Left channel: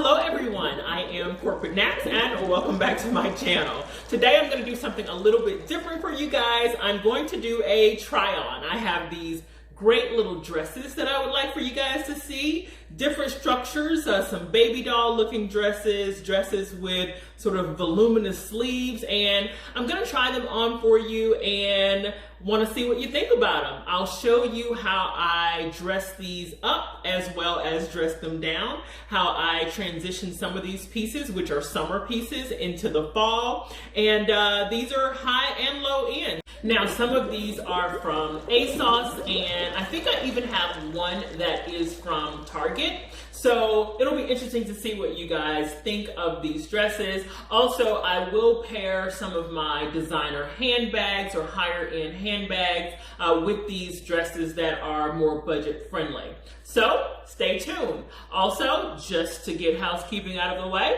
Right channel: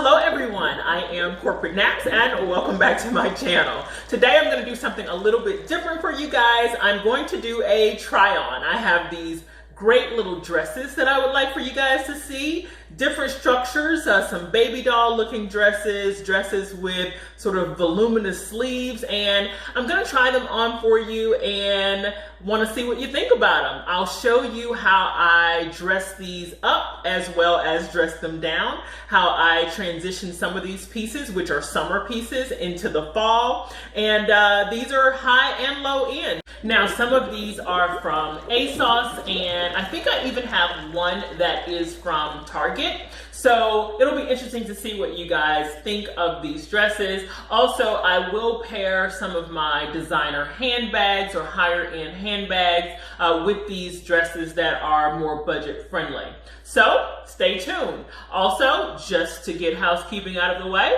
Hello everyone, I am CorporateNapps and welcome back to my channel. Today I'm going to do something a little bit different for you guys. I'm going to do a try on. I have these great little dresses that I would like for you guys to see. Different structures, some baby doll looking dresses with sort of voluminous sleeves, and I'm gonna try them on for you and want to see what you think about them. I'll show you how I dress these up as well as dress them down, how I transition some of these pieces, which are summer pieces, into the fall, and these are high and low end. Now some of these are from ASOS, and I think I even have one that is from Target. So it'll be interesting to see what you guys think of these dresses. Also, I will pair some of my designer handbags or higher end handbags with these dresses that are more budget friendly. So stay tuned. Also, just to get housekeeping out of the way,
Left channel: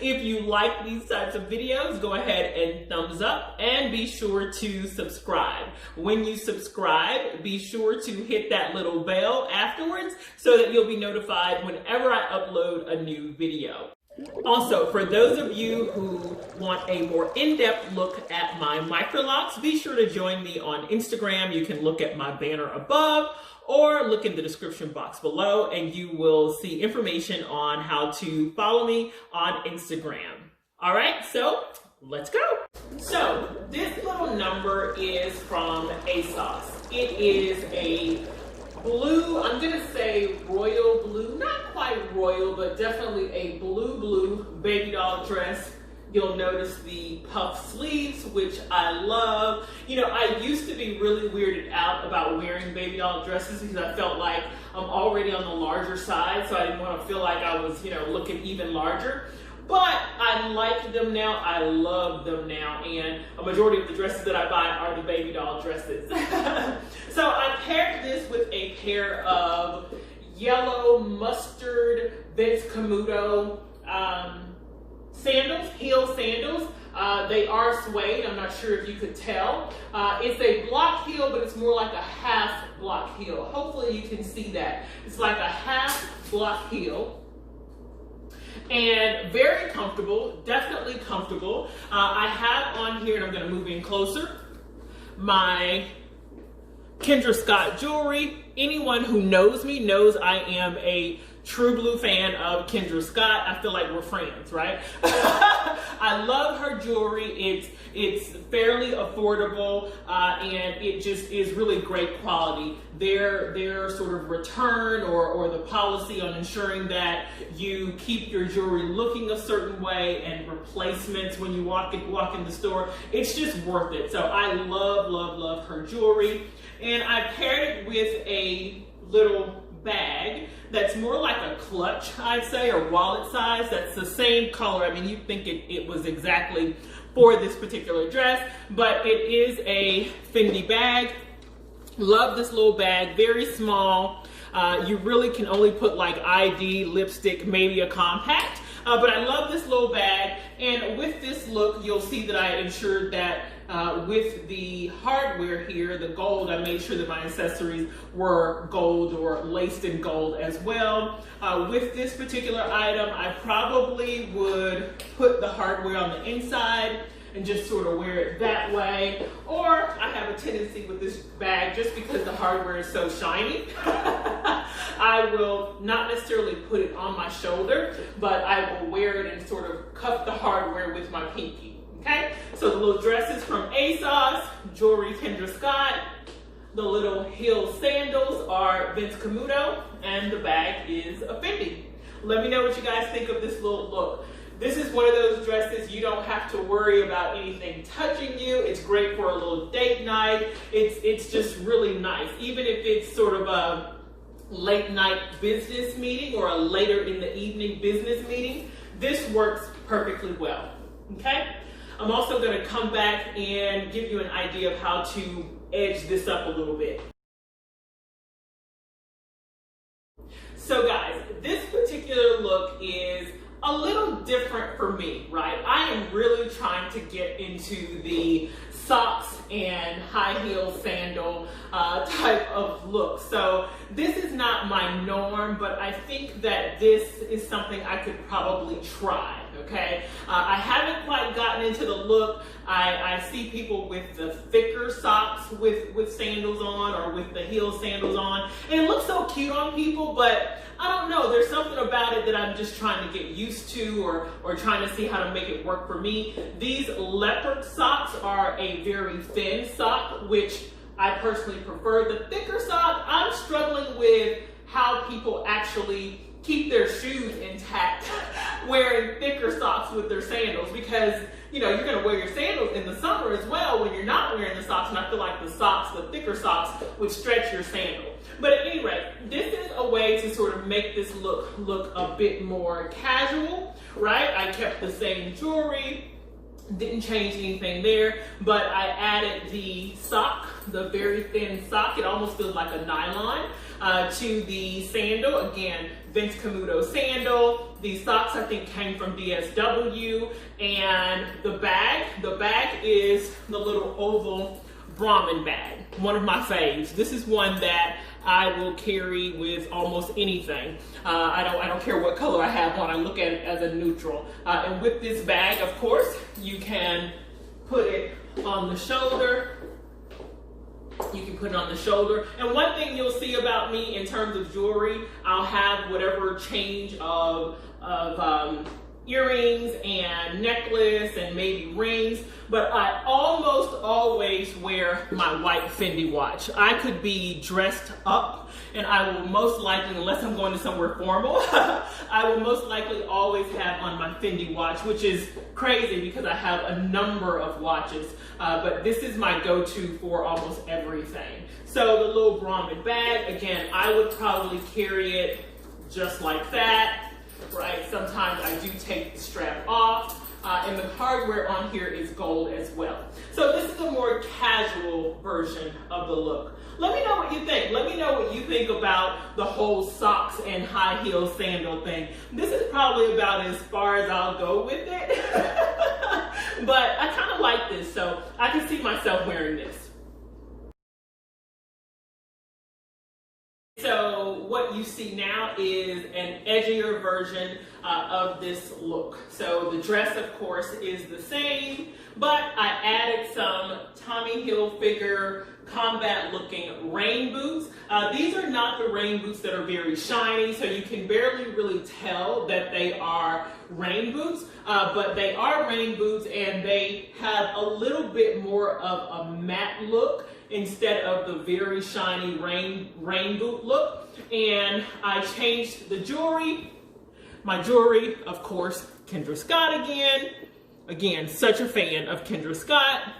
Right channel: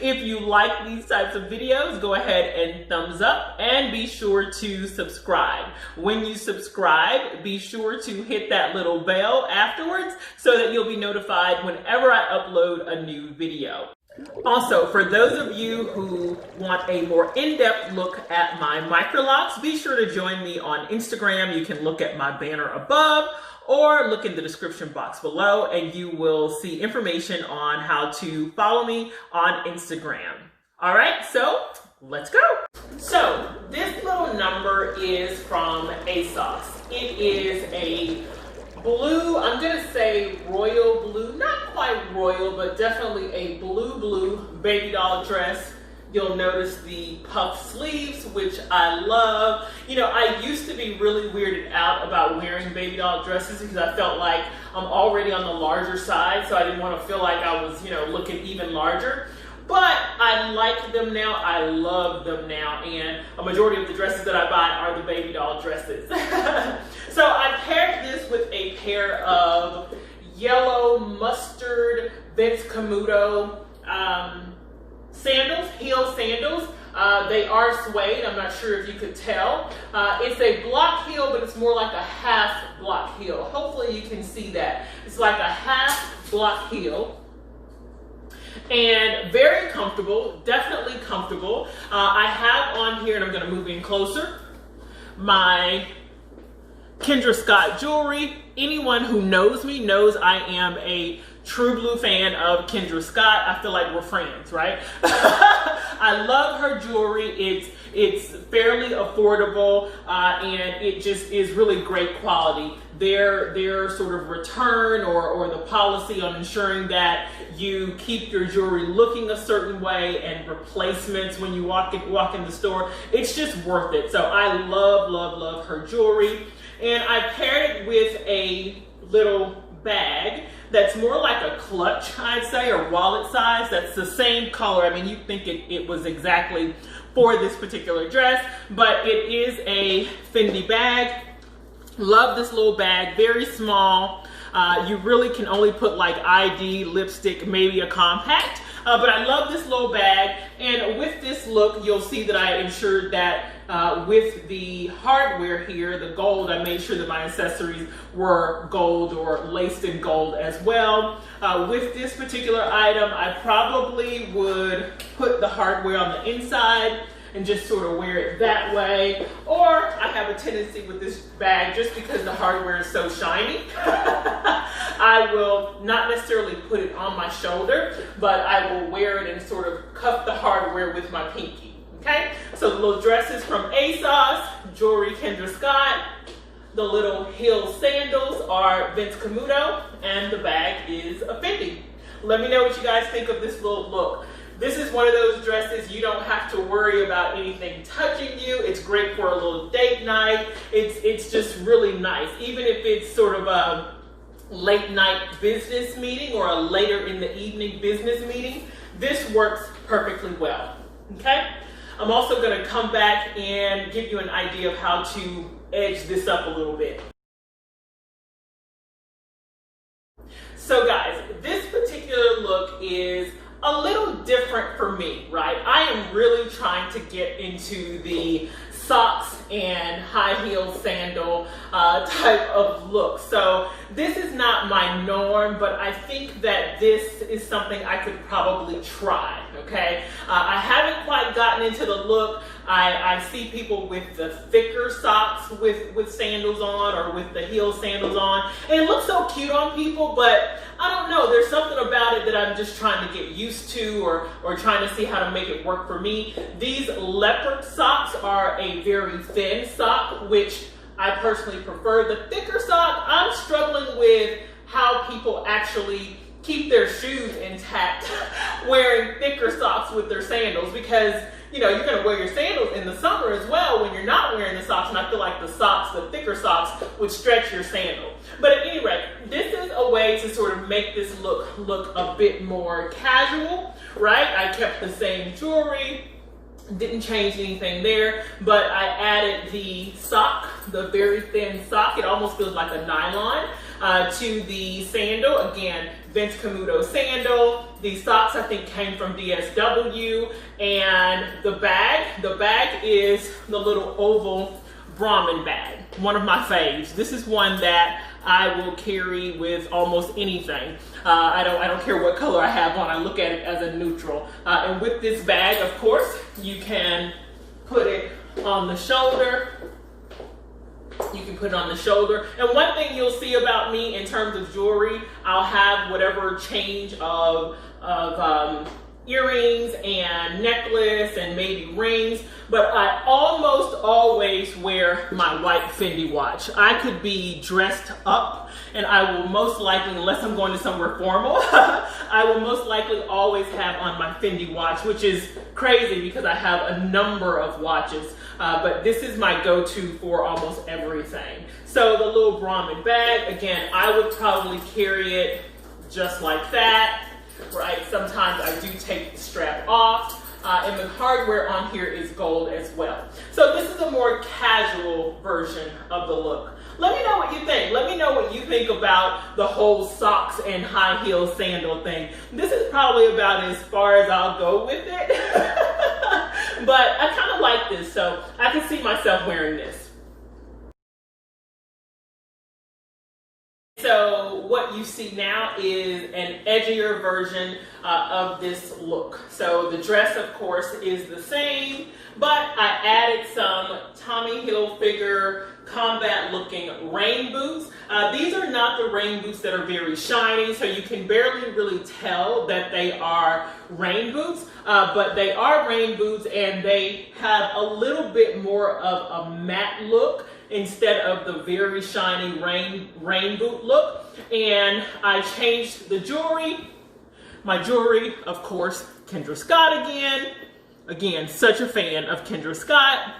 if you like these types of videos, go ahead and thumbs up and be sure to subscribe. When you subscribe, be sure to hit that little bell afterwards so that you'll be notified whenever I upload a new video. Also, for those of you who want a more in-depth look at my MICROLOCs, be sure to join me on Instagram. You can look at my banner above or look in the description box below and you will see information on how to follow me on Instagram. All right, so let's go. So this little number is from ASOS. It is a blue, I'm gonna say royal blue, not quite royal, but definitely a blue baby doll dress. You'll notice the puff sleeves, which I love. You know, I used to be really weirded out about wearing baby doll dresses because I felt like I'm already on the larger side, so I didn't want to feel like I was, you know, looking even larger. But I like them now, I love them now, and a majority of the dresses that I buy are the baby doll dresses. So I paired this with a pair of yellow mustard Vince Camuto sandals, heel sandals. They are suede, I'm not sure if you could tell. It's a block heel, but it's more like a half block heel. Hopefully you can see that. It's like a half block heel. And very comfortable, definitely comfortable. I have on here, and I'm gonna move in closer, my Kendra Scott jewelry. Anyone who knows me knows I am a true blue fan of Kendra Scott. I feel like we're friends, right? I love her jewelry. It's fairly affordable and it just is really great quality. Their sort of return or the policy on ensuring that you keep your jewelry looking a certain way and replacements when you walk in the store, it's just worth it. So I love her jewelry. And I paired it with a little bag that's more like a clutch, I'd say, or wallet size. That's the same color. I mean, you'd think it was exactly for this particular dress, but it is a Fendi bag. Love this little bag, very small. You really can only put like ID, lipstick, maybe a compact, but I love this little bag. And with this look, you'll see that I ensured that with the hardware here, the gold, I made sure that my accessories were gold or laced in gold as well. With this particular item, I probably would put the hardware on the inside and just sort of wear it that way. Or I have a tendency with this bag, just because the hardware is so shiny, I will not necessarily put it on my shoulder, but I will wear it and sort of cuff the hardware with my pinky. Okay, so the little dresses from ASOS, jewelry Kendra Scott, the little heel sandals are Vince Camuto, and the bag is a Fendi. Let me know what you guys think of this little look. This is one of those dresses you don't have to worry about anything touching you. It's great for a little date night. It's just really nice. Even if it's sort of a late night business meeting or a later in the evening business meeting, this works perfectly well, okay? I'm also gonna come back and give you an idea of how to edge this up a little bit. So guys, this particular look is a little different for me, right? I am really trying to get into the socks and high heel sandal type of look. So this is not my norm, but I think that this is something I could probably try, okay? I haven't quite gotten into the look. I see people with the thicker socks with sandals on, or with the heel sandals on, and it looks so cute on people, but I don't know, there's something about it that I'm just trying to get used to, or trying to see how to make it work for me. These leopard socks are a very thin sock, which I personally prefer. The thicker sock, I'm struggling with how people actually keep their shoes intact wearing thicker socks with their sandals, because you know, you're going to wear your sandals in the summer as well when you're not wearing the socks, and I feel like the thicker socks would stretch your sandal. But at any rate, this is a way to sort of make this look a bit more casual, right? I kept the same jewelry, didn't change anything there, but I added the sock, the very thin sock. It almost feels like a nylon, to the sandal. Again, Vince Camuto sandal. The socks I think came from DSW, and the bag is the little oval Brahmin bag, one of my faves. This is one that I will carry with almost anything. I don't care what color I have on. I look at it as a neutral. And with this bag, of course, you can put it on the shoulder. You can put it on the shoulder. And one thing you'll see about me in terms of jewelry, I'll have whatever change of earrings and necklace and maybe rings, but I almost always wear my white Fendi watch. I could be dressed up, and I will most likely, unless I'm going to somewhere formal, I will most likely always have on my Fendi watch, which is crazy because I have a number of watches, but this is my go-to for almost everything. So the little Brahmin bag, again, I would probably carry it just like that. Right, sometimes I do take the strap off, and the hardware on here is gold as well. So this is a more casual version of the look. Let me know what you think. Let me know what you think about the whole socks and high heel sandal thing. This is probably about as far as I'll go with it, but I kind of like this, so I can see myself wearing this. So what you see now is an edgier version of this look. So the dress, of course, is the same, but I added some Tommy Hilfiger combat looking rain boots. These are not the rain boots that are very shiny, so you can barely really tell that they are rain boots, but they are rain boots, and they have a little bit more of a matte look instead of the very shiny rain boot look. And I changed the jewelry. My jewelry, of course, Kendra Scott again. Again, such a fan of Kendra Scott.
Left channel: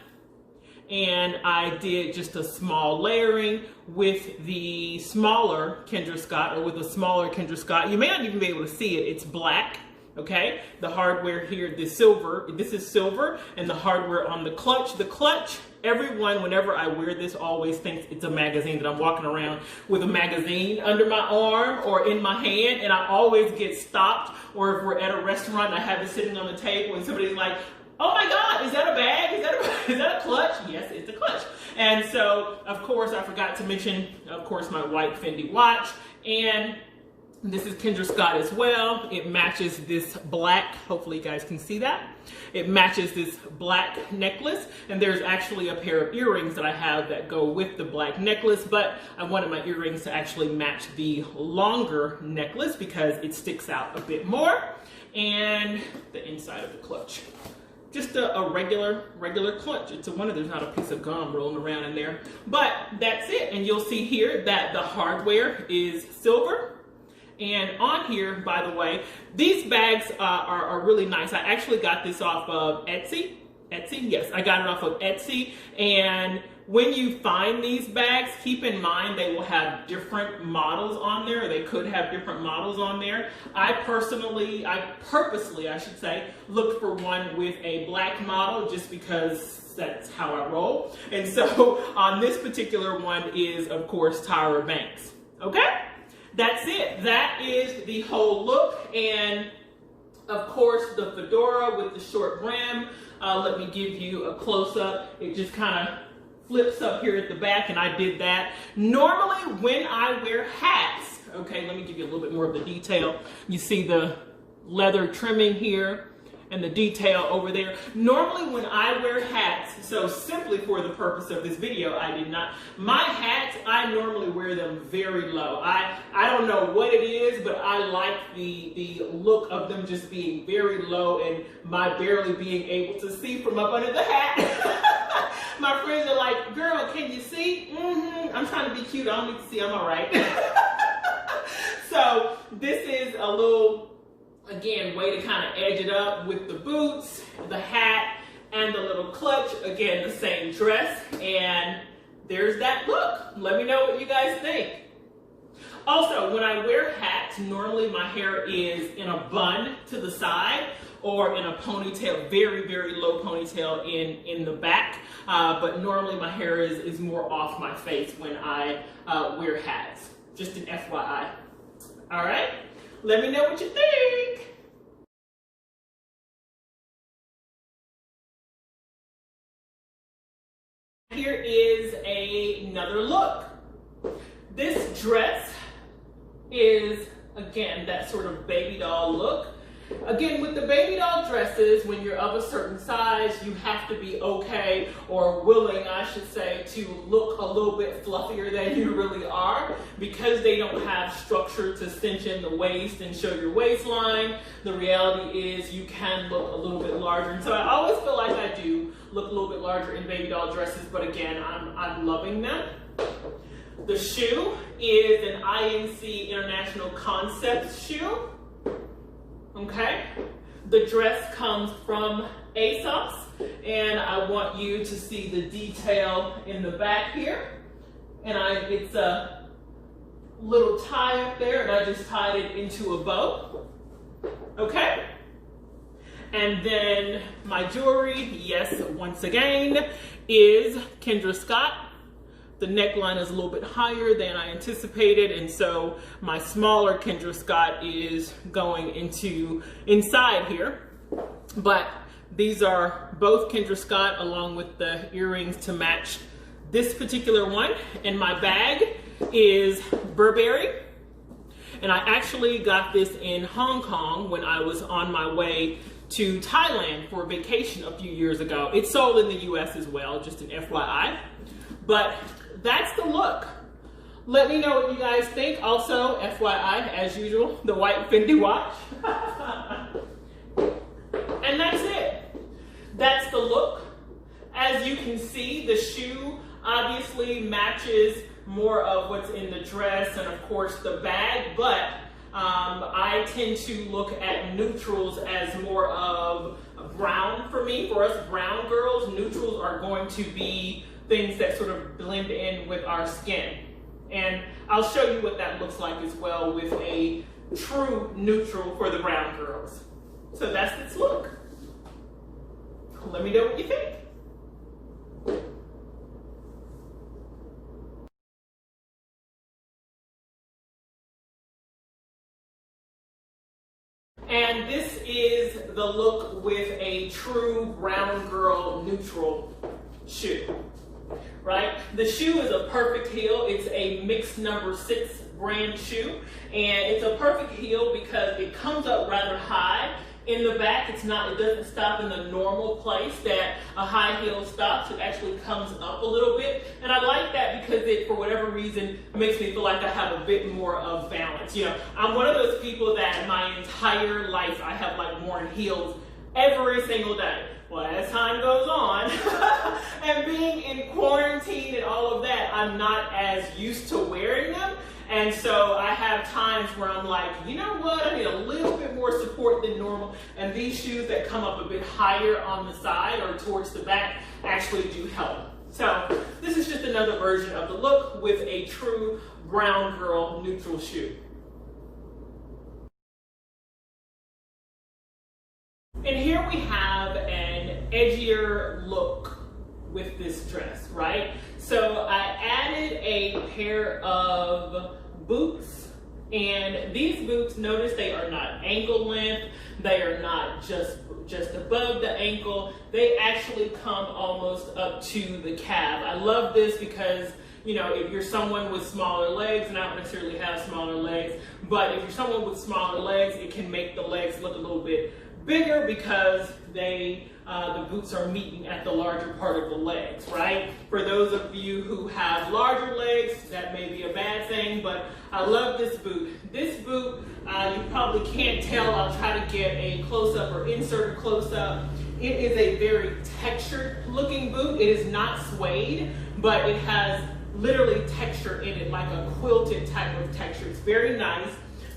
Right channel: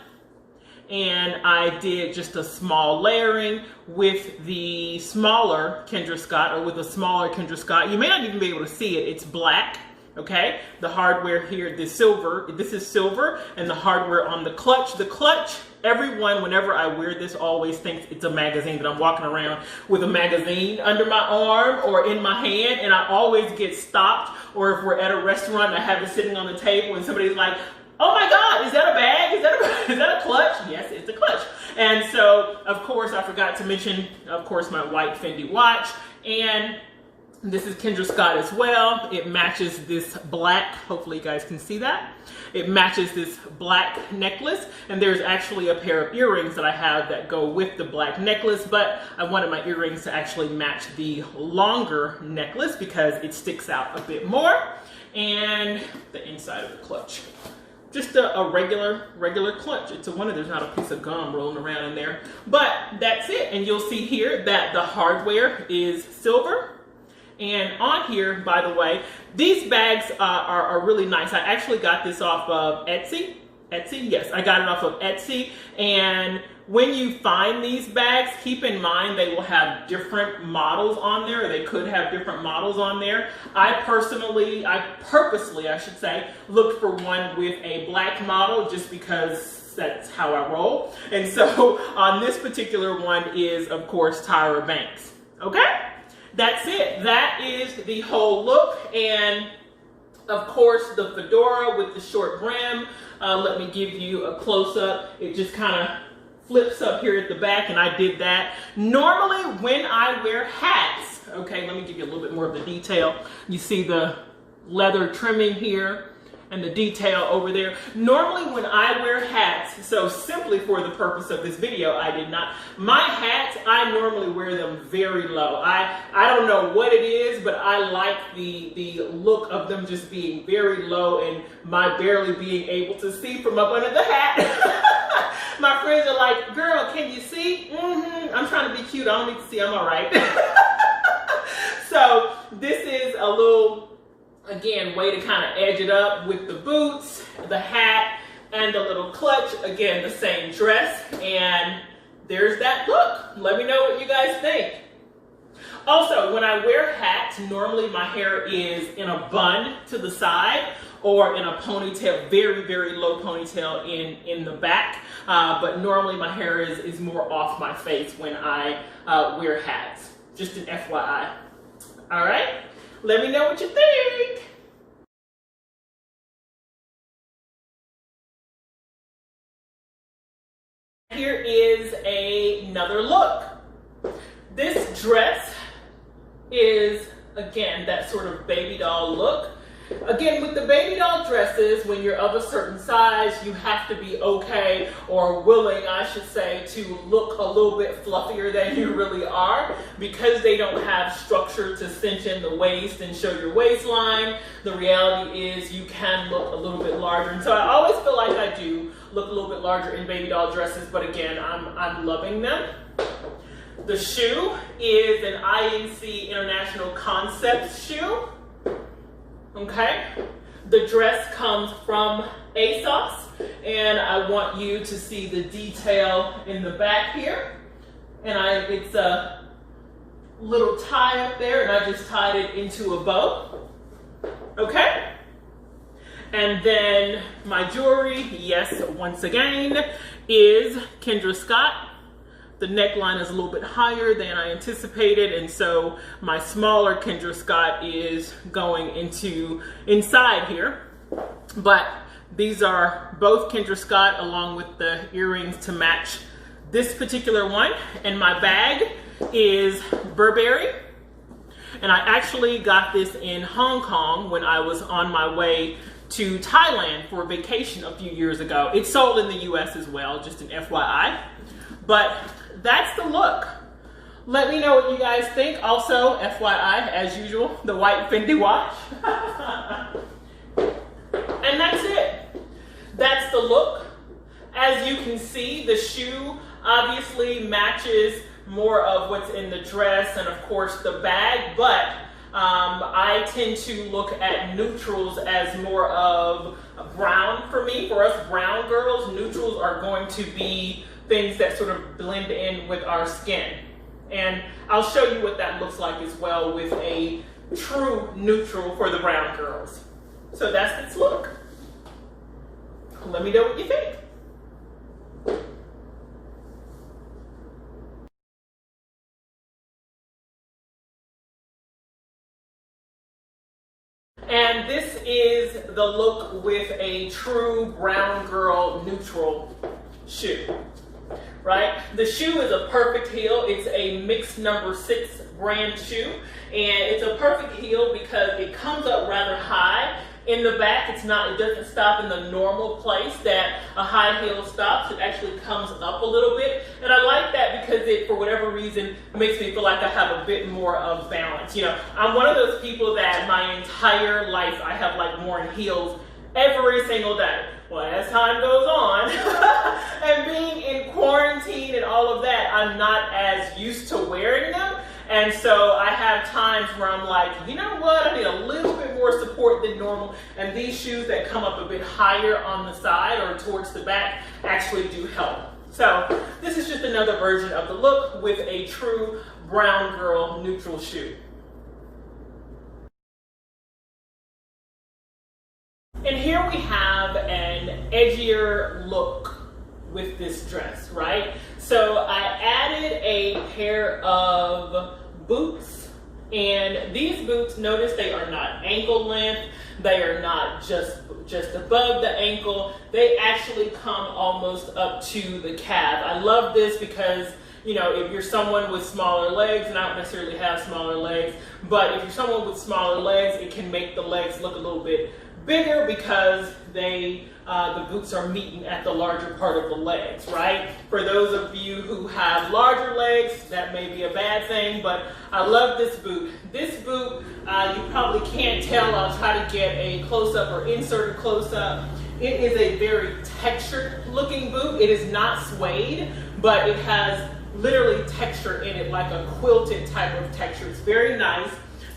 And I did just a small layering with the smaller Kendra Scott, or with a smaller Kendra Scott. You may not even be able to see it. It's black. Okay, the hardware here, this is silver, and the hardware on the clutch, everyone, whenever I wear this, always thinks it's a magazine, that I'm walking around with a magazine under my arm or in my hand, and I always get stopped, or if we're at a restaurant and I have it sitting on the table and somebody's like, oh my God, is that a bag? Is that a clutch? Yes, it's a clutch. And so, of course, I forgot to mention, of course, my white Fendi watch, and this is Kendra Scott as well. It matches this black, hopefully you guys can see that. It matches this black necklace, and there's actually a pair of earrings that I have that go with the black necklace, but I wanted my earrings to actually match the longer necklace because it sticks out a bit more. And the inside of the clutch. Just a regular clutch. It's a wonder there's not a piece of gum rolling around in there, but that's it. And you'll see here that the hardware is silver. And on here, by the way, these bags are really nice. I actually got this off of Etsy. Yes, I got it off of Etsy. And when you find these bags, keep in mind they will have different models on there, or they could have different models on there. I purposely, I should say, looked for one with a black model just because that's how I roll. And so on this particular one is, of course, Tyra Banks. Okay? That's it. That is the whole look. And Of course, the fedora with the short brim. Let me give you a close-up. It just kind of flips up here at the back, and I did that. Normally, when I wear hats, okay, let me give you a little bit more of the detail. You see the leather trimming here and the detail over there. Normally when I wear hats, so simply for the purpose of this video, I did not. My hats, I normally wear them very low. I don't know what it is, but I like the look of them just being very low and my barely being able to see from up under the hat. My friends are like, girl, can you see? I'm trying to be cute, I don't need to see, I'm all right. So this is a little, again, way to kind of edge it up with the boots, the hat, and the little clutch. Again, the same dress, and there's that look. Let me know what you guys think. Also, when I wear hats, normally my hair is in a bun to the side or in a ponytail, very, very low ponytail in the back. But normally my hair is more off my face when I wear hats. Just an FYI. All right? Let me know what you think. Here is another look. This dress is, again, that sort of baby doll look. Again, with the baby doll dresses, when you're of a certain size, you have to be okay, or willing, I should say, to look a little bit fluffier than you really are, because they don't have structure to cinch in the waist and show your waistline. The reality is you can look a little bit larger. And so I always feel like I do look a little bit larger in baby doll dresses, but again, I'm loving them. The shoe is an INC International Concept shoe. Okay, the dress comes from ASOS, and I want you to see the detail in the back here. And it's a little tie up there, and I just tied it into a bow. Okay, and then my jewelry, yes, once again, is Kendra Scott. The neckline is a little bit higher than I anticipated, and so my smaller Kendra Scott is going inside here. But these are both Kendra Scott along with the earrings to match this particular one. And my bag is Burberry. And I actually got this in Hong Kong when I was on my way to Thailand for a vacation a few years ago. It's sold in the US as well, just an FYI. But that's the look. Let me know what you guys think. Also, FYI, as usual, the white Fendi watch. And that's it. That's the look. As you can see, the shoe obviously matches more of what's in the dress and of course the bag, but I tend to look at neutrals as more of a brown for me. For us brown girls, neutrals are going to be things that sort of blend in with our skin. And I'll show you what that looks like as well with a true neutral for the brown girls. So that's its look. Let me know what you think. And this is the look with a true brown girl neutral shoe, right? The shoe is a perfect heel. It's a mixed number 6 brand shoe, and it's a perfect heel because it comes up rather high. In the back, it doesn't stop in the normal place that a high heel stops. It actually comes up a little bit. And I like that because it, for whatever reason, makes me feel like I have a bit more of balance. You know, I'm one of those people that my entire life, I have like worn heels every single day. Well, as time goes on, and being in quarantine and all of that, I'm not as used to wearing them. And so I have times where I'm like, you know what, I need a little bit more support than normal. And these shoes that come up a bit higher on the side or towards the back actually do help. So this is just another version of the look with a true brown girl neutral shoe. And here we have an edgier look with this dress, right? So I added a pair of boots And these boots, notice they are not ankle length. They are not just above the ankle. They actually come almost up to the calf. I love this because, you know, if you're someone with smaller legs, and I don't necessarily have smaller legs, but if you're someone with smaller legs, it can make the legs look a little bit bigger because the boots are meeting at the larger part of the legs, right? For those of you who have larger legs, that may be a bad thing, but I love this boot. This boot, you probably can't tell. I'll try to get a close-up or insert a close-up. It is a very textured looking boot. It is not suede, but it has literally texture in it, like a quilted type of texture. It's very nice.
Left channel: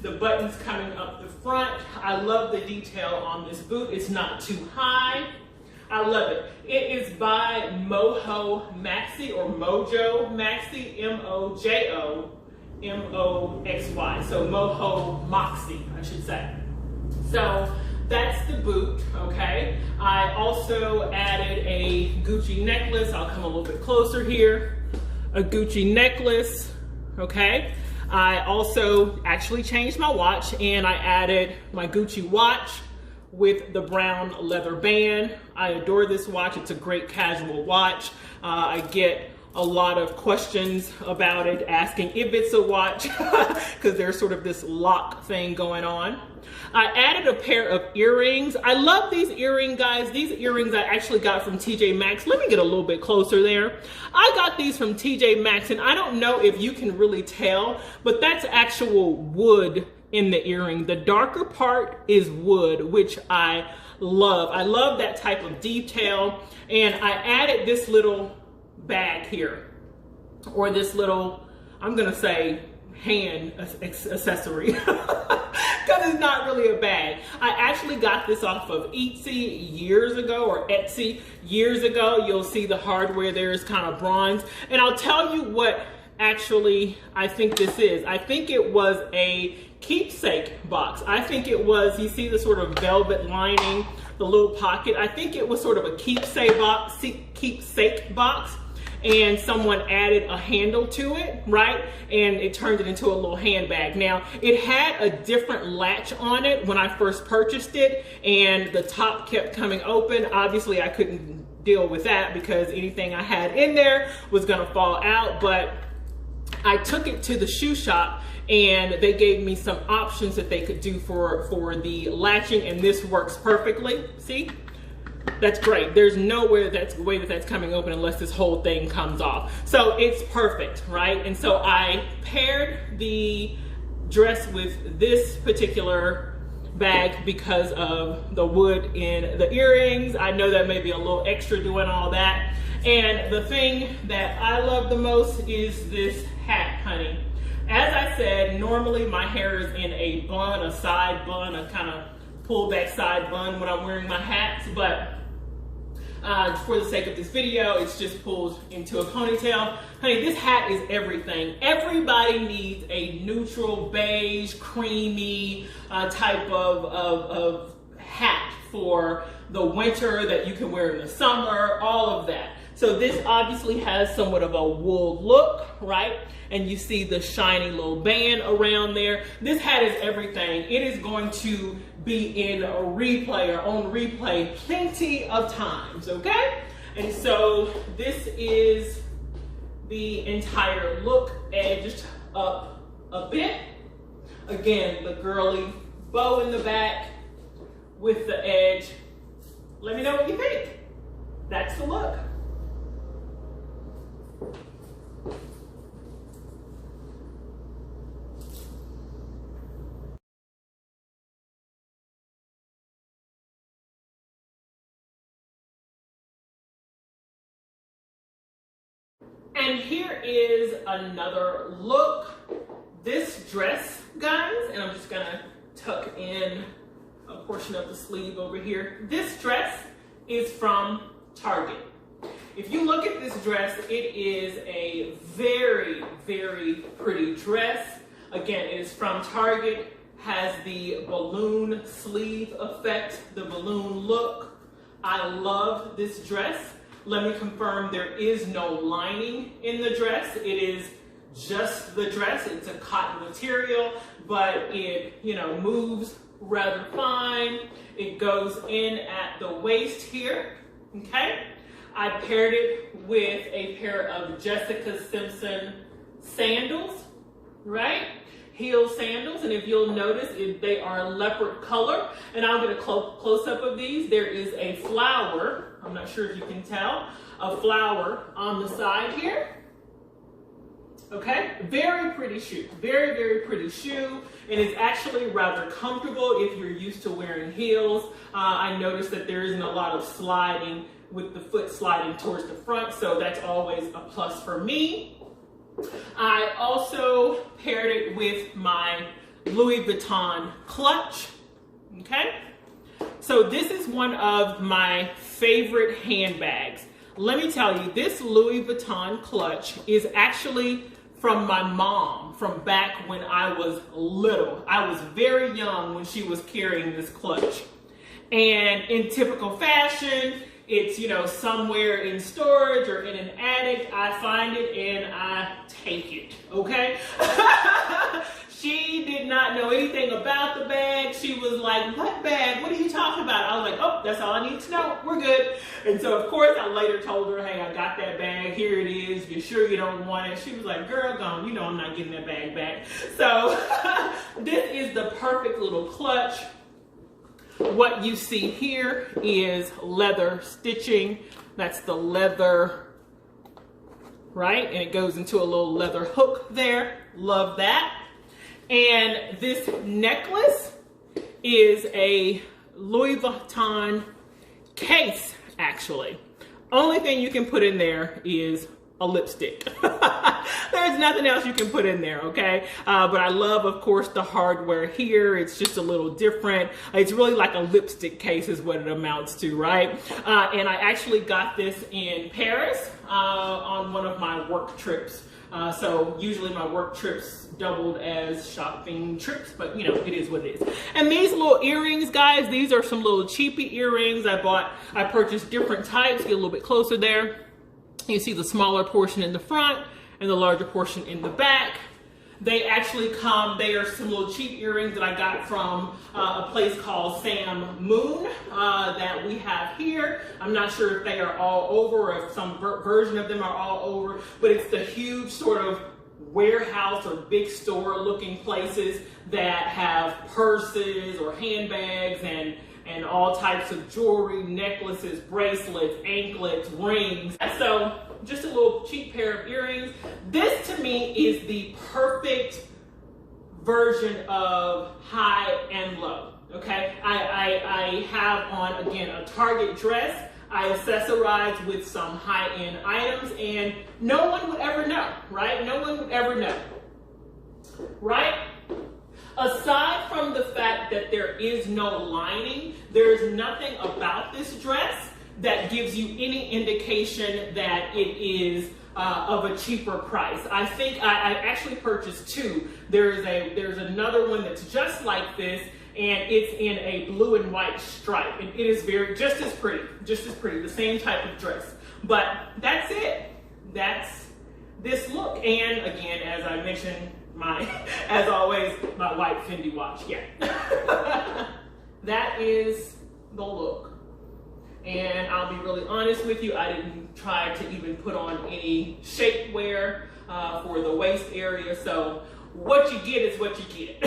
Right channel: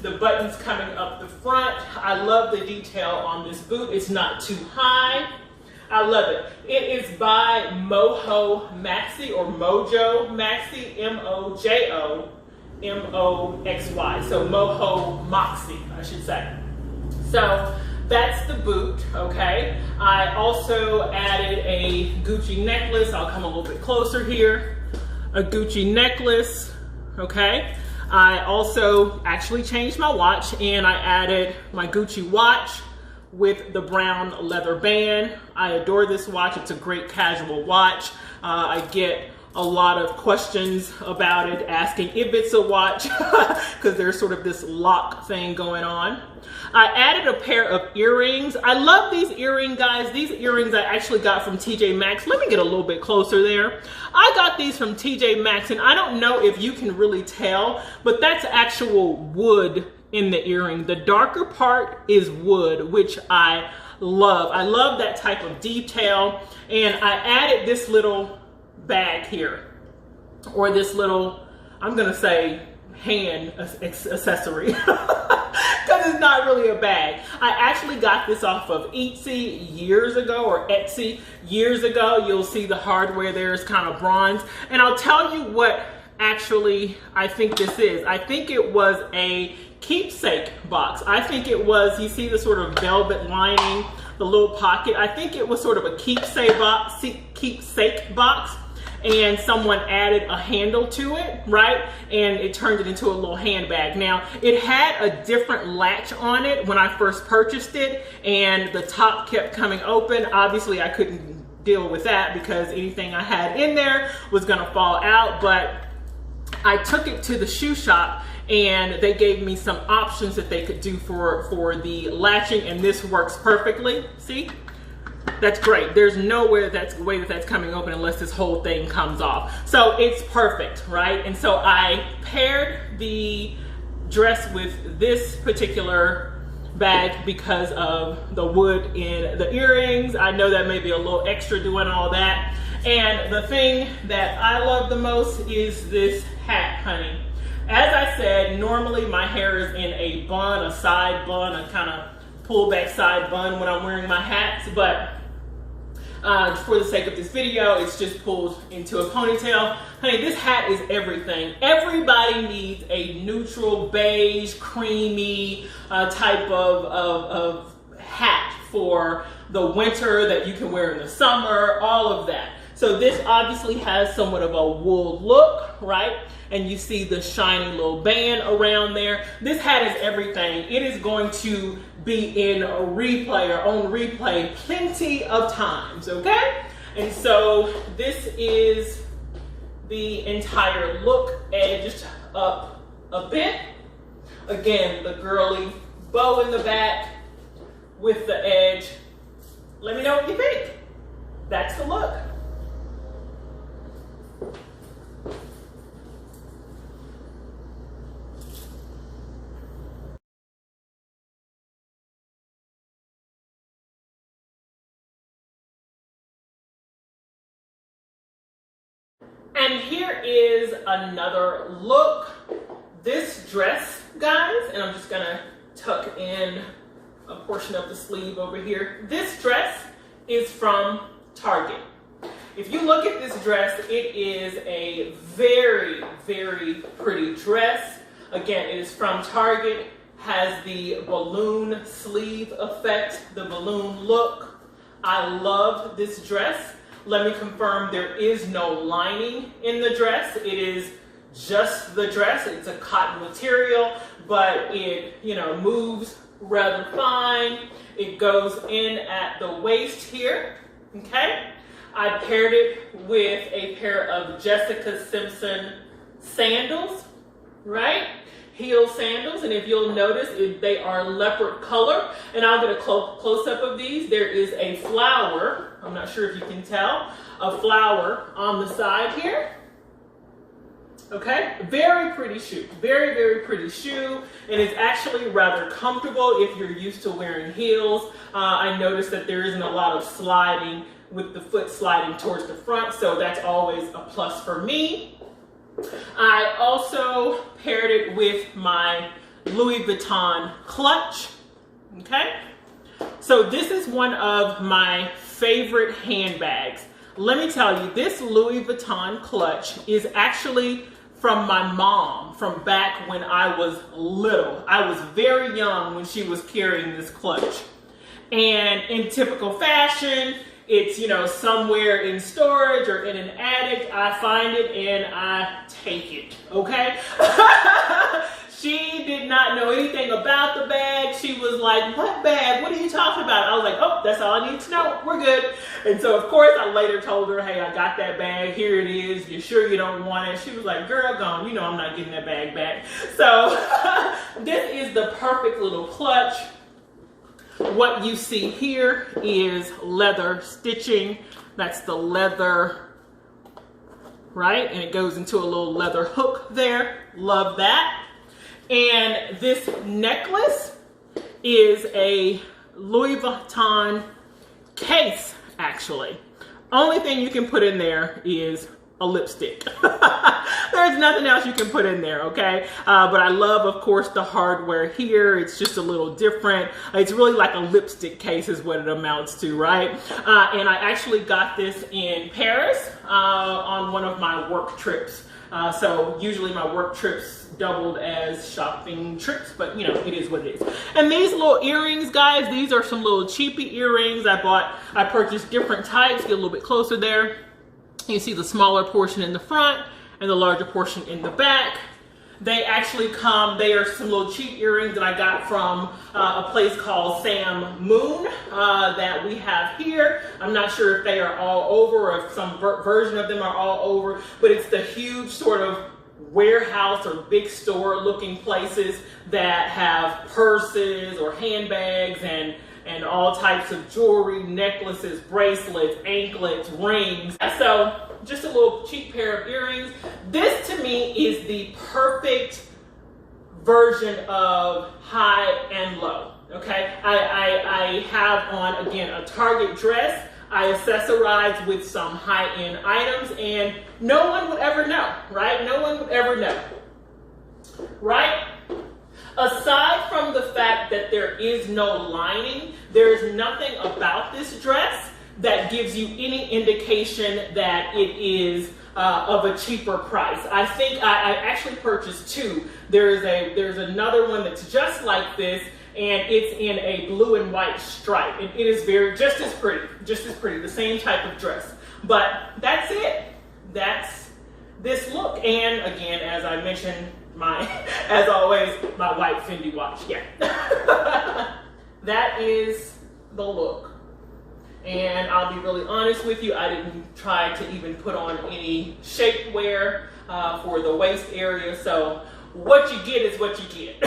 The buttons coming up the front. I love the detail on this boot. It's not too high. I love it. It is by Mojo Maxi, or Mojo Maxi, M-O-J-O M-O-X-Y. So Mojo Moxie, I should say. So that's the boot, okay? I also added a Gucci necklace. I'll come a little bit closer here. A Gucci necklace, okay? I also actually changed my watch, and I added my Gucci watch with the brown leather band. I adore this watch. It's a great casual watch. I get a lot of questions about it, asking if it's a watch, because there's sort of this lock thing going on. I added a pair of earrings. I love these earrings, guys. These earrings I actually got from TJ Maxx. Let me get a little bit closer there. I got these from TJ Maxx, and I don't know if you can really tell, but that's actual wood in the earring. The darker part is wood, which I love. I love that type of detail. And I added this little bag here, or this little, I'm gonna say, hand accessory, because it's not really a bag. I actually got this off of Etsy years ago, or Etsy years ago. You'll see the hardware there is kind of bronze. And I'll tell you what actually I think this is. I think it was a keepsake box. I think it was, you see the sort of velvet lining, the little pocket. I think it was sort of a keepsake box, and someone added a handle to it, right? And it turned it into a little handbag. Now, it had a different latch on it when I first purchased it, and the top kept coming open. Obviously, I couldn't deal with that because anything I had in there was gonna fall out, but I took it to the shoe shop, and they gave me some options that they could do for the latching, and this works perfectly. See? That's great. There's nowhere way that's coming open unless this whole thing comes off. So it's perfect, right? And so I paired the dress with this particular bag because of the wood in the earrings. I know that may be a little extra doing all that. And the thing that I love the most is this hat, honey. As I said, normally my hair is in a bun, a side bun, a kind of pull back side bun when I'm wearing my hats, but for the sake of this video, it's just pulled into a ponytail. Honey, this hat is everything. Everybody needs a neutral, beige, creamy type of hat for the winter that you can wear in the summer, all of that. So this obviously has somewhat of a wool look, right? And you see the shiny little band around there. This hat is everything. It is going to be in a replay or on replay plenty of times, okay? And so this is the entire look, edged up a bit. Again, the girly bow in the back with the edge. Let me know what you think. That's the look. And here is another look. This dress, guys, and I'm just gonna tuck in a portion of the sleeve over here. This dress is from Target. If you look at this dress, it is a very, very pretty dress. Again, it is from Target, has the balloon sleeve effect, the balloon look. I love this dress. Let me confirm, there is no lining in the dress. It is just the dress. It's a cotton material, but it, you know, moves rather fine. It goes in at the waist here, okay? I paired it with a pair of Jessica Simpson sandals, right? Heel sandals, and if you'll notice, they are leopard color, and I'll get a close-up of these. There is a flower, I'm not sure if you can tell, a flower on the side here. Okay, very pretty shoe, very, very pretty shoe, and it's actually rather comfortable if you're used to wearing heels. I noticed that there isn't a lot of sliding with the foot sliding towards the front, so that's always a plus for me. I also paired it with my Louis Vuitton clutch, okay? So this is one of my favorite handbags. Let me tell you, this Louis Vuitton clutch is actually from my mom from back when I was little. I was very young when she was carrying this clutch. And in typical fashion, it's, you know, somewhere in storage or in an attic. I find it and I take it, okay? She did not know anything about the bag. She was like, what bag? What are you talking about? I was like, oh, that's all I need to know. We're good. And so, of course, I later told her, hey, I got that bag. Here it is. You sure you don't want it? She was like, girl, gone. You know I'm not getting that bag back. So this is the perfect little clutch. What you see here is leather stitching. That's the leather, right? And it goes into a little leather hook there. Love that. And this necklace is a Louis Vuitton case, actually. Only thing you can put in there is a lipstick. There's nothing else you can put in there, okay? But I love, of course, the hardware here. It's just a little different. It's really like a lipstick case is what it amounts to, right? And I actually got this in Paris on one of my work trips. So usually my work trips doubled as shopping trips, but you know, it is what it is. And these little earrings, guys, these are some little cheapy earrings I purchased different types. Get a little bit closer there. You see the smaller portion in the front and the larger portion in the back. They actually come, they are some little cheap earrings that I got from a place called Sam Moon that we have here. I'm not sure if they are all over or if some version of them are all over, but it's the huge sort of warehouse or big store looking places that have purses or handbags and all types of jewelry, necklaces, bracelets, anklets, rings. So just a little cheap pair of earrings. This to me is the perfect version of high and low, okay? I have on, again, a Target dress. I accessorize with some high-end items and no one would ever know, right? No one would ever know, right? Aside from the fact that there is no lining, there's nothing about this dress that gives you any indication that it is of a cheaper price. I think I actually purchased two. There's another one that's just like this, and it's in a blue and white stripe. And it is just as pretty, the same type of dress. But that's it. That's this look. And again, as I mentioned, as always, my white Fendi watch. Yeah. That is the look. And I'll be really honest with you, I didn't try to even put on any shapewear for the waist area. So what you get is what you get.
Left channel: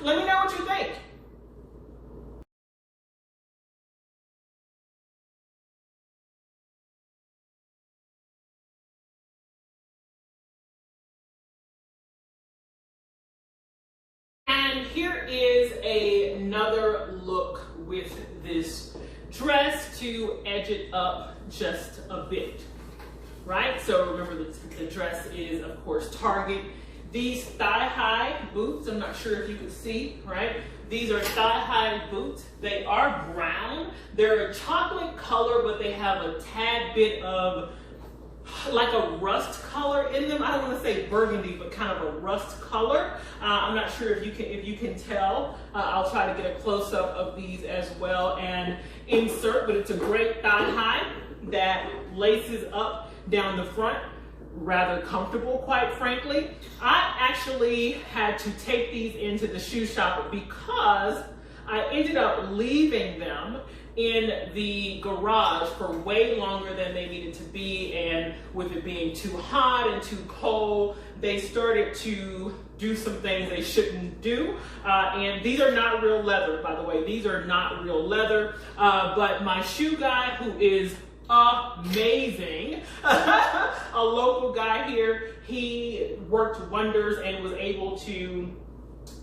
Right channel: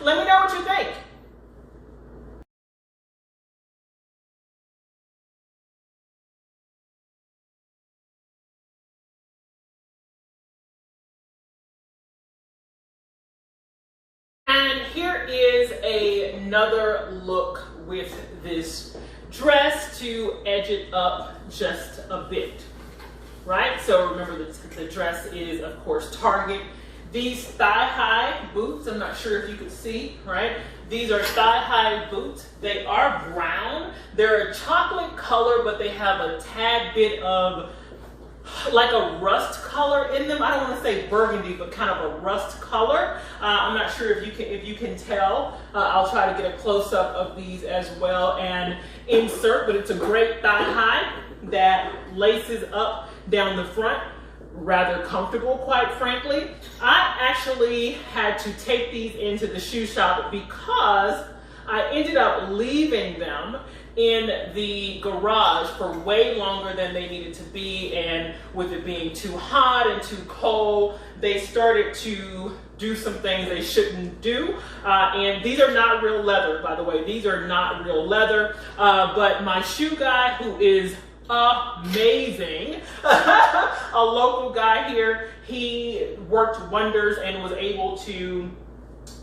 Let me know what you think. And here is another look with this dress to edge it up just a bit, right? So remember the dress is, of course, Target. These thigh-high boots, I'm not sure if you can see, right? These are thigh-high boots. They are brown. They're a chocolate color, but they have a tad bit of like a rust color in them. I don't want to say burgundy, but kind of a rust color. I'm not sure if you can tell. I'll try to get a close-up of these as well and insert, but it's a great thigh high that laces up down the front. rather comfortable, quite frankly. I actually had to take these into the shoe shop because I ended up leaving them in the garage for way longer than they needed to be, and with it being too hot and too cold, they started to do some things they shouldn't do. And these are not real leather, by the way. These are not real leather, but my shoe guy, who is amazing, a local guy here, he worked wonders and was able to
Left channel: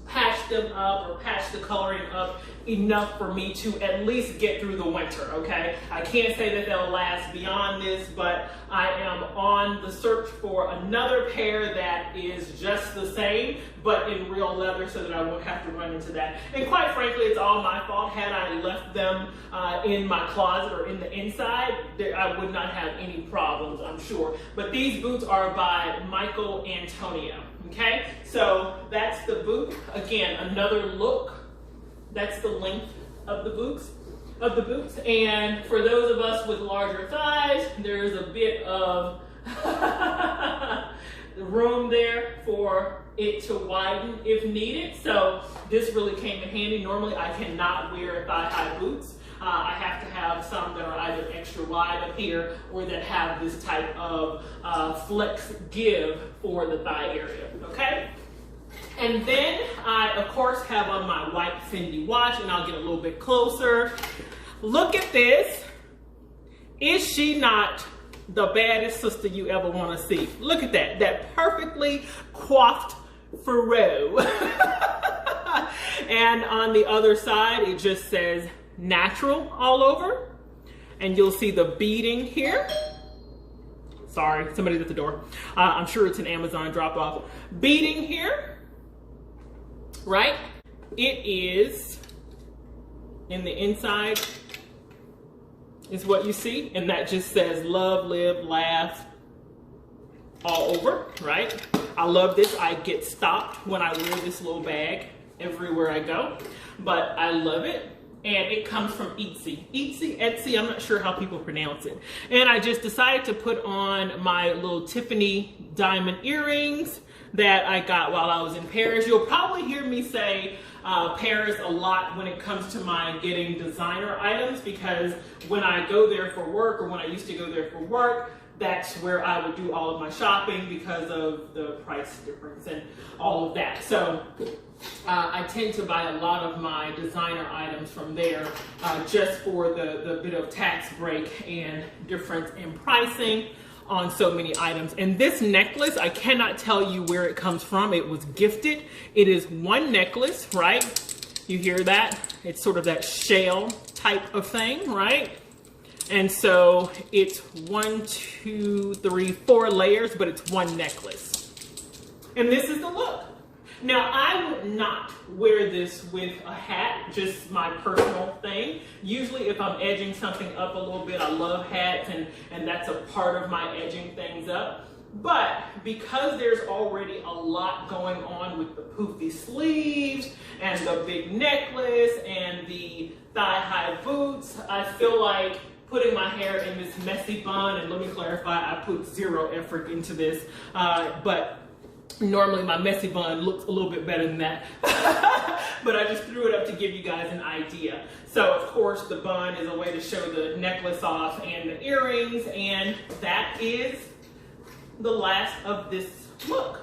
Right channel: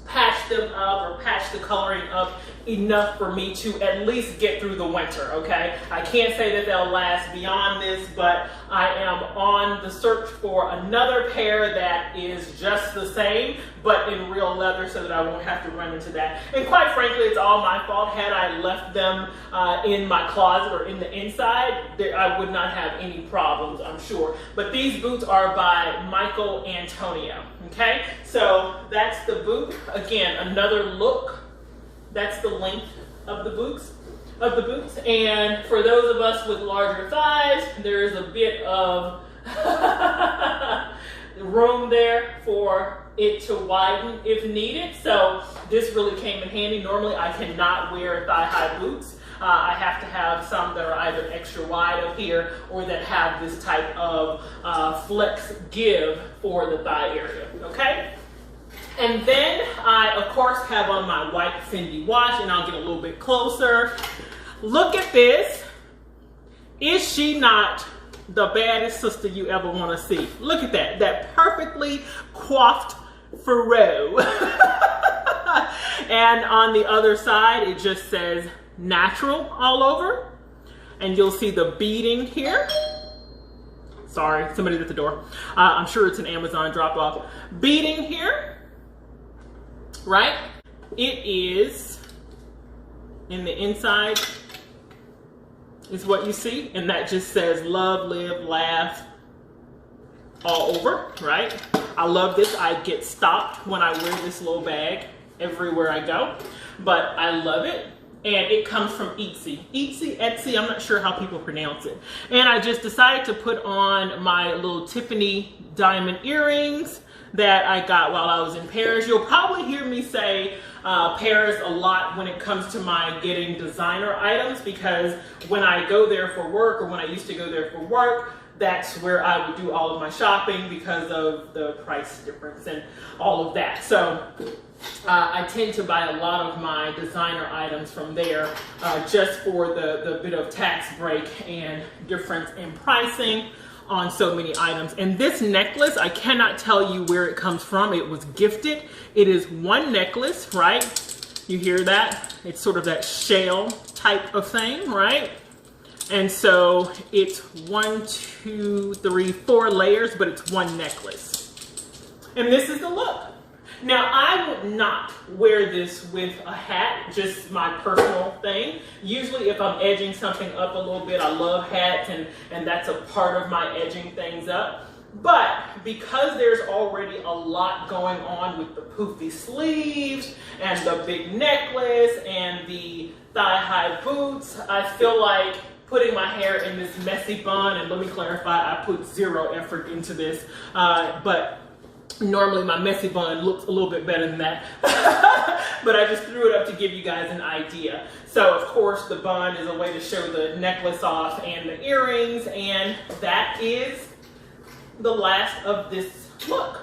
patch them up or patch the coloring up enough for me to at least get through the winter, okay? I can't say that they'll last beyond this, but I am on the search for another pair that is just the same, but in real leather, so that I won't have to run into that. And quite frankly, it's all my fault. Had I left them in my closet or in the inside, I would not have any problems, I'm sure. But these boots are by Michael Antonio, okay? So that's the boot. Again, another look. That's the length of the boots. And for those of us with larger thighs, there's a bit of room there for it to widen if needed. So this really came in handy. Normally I cannot wear thigh-high boots. I have to have some that are either extra wide up here or that have this type of flex give for the thigh area, okay? And then I, of course, have on my white Fendi watch, and I'll get a little bit closer. Look at this. Is she not the baddest sister you ever want to see? Look at that, that perfectly coiffed furrow. And on the other side, it just says natural all over. And you'll see the beading here. Sorry, somebody's at the door. I'm sure it's an Amazon drop-off. Beading here. Right? It is in the inside is what you see, and that just says love, live, laugh all over, right? I love this. I get stopped when I wear this little bag everywhere I go, but I love it. And it comes from Etsy, I'm not sure how people pronounce it. And I just decided to put on my little Tiffany diamond earrings that I got while I was in Paris. You'll probably hear me say Paris a lot when it comes to my getting designer items, because when I go there for work, or when I used to go there for work, that's where I would do all of my shopping because of the price difference and all of that. So I tend to buy a lot of my designer items from there just for the bit of tax break and difference in pricing on so many items. And this necklace, I cannot tell you where it comes from. It was gifted. It is one necklace, right? You hear that? It's sort of that shell type of thing, right? And so it's 1, 2, 3, 4 layers, but it's one necklace. And this is the look. Now, I would not wear this with a hat, just my personal thing. Usually if I'm edging something up a little bit, I love hats, and that's a part of my edging things up. But because there's already a lot going on with the poofy sleeves and the big necklace and the thigh-high boots, I feel like putting my hair in this messy bun, and let me clarify, I put 0 effort into this, but normally my messy bun looks a little bit better than that, but I just threw it up to give you guys an idea. So of course the bun is a way to show the necklace off and the earrings, and that is the last of this look.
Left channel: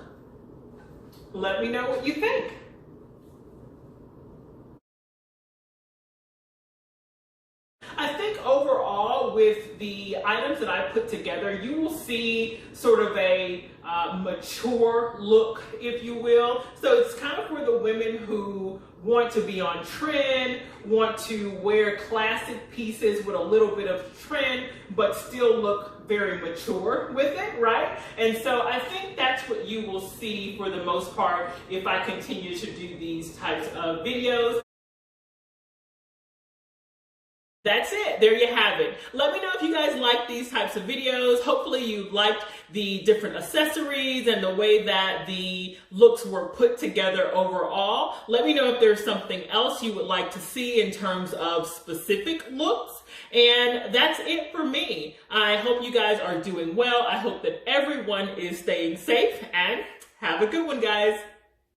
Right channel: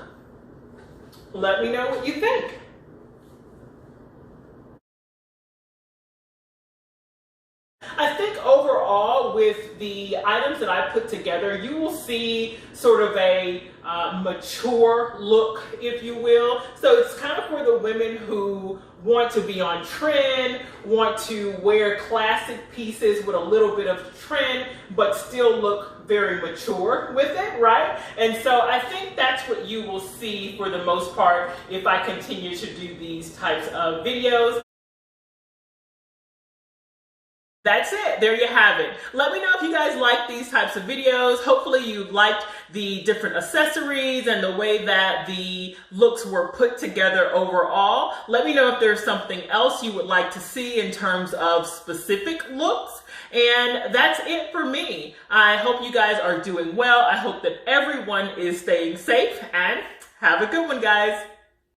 Let me know what you think. I think overall with the items that I put together, you will see sort of a mature look, if you will. So it's kind of for the women who want to be on trend, want to wear classic pieces with a little bit of trend, but still look very mature with it, right? And so I think that's what you will see for the most part if I continue to do these types of videos. That's it. There you have it. Let me know if you guys like these types of videos. Hopefully you liked the different accessories and the way that the looks were put together overall. Let me know if there's something else you would like to see in terms of specific looks. And that's it for me. I hope you guys are doing well. I hope that everyone is staying safe, and have a good one, guys.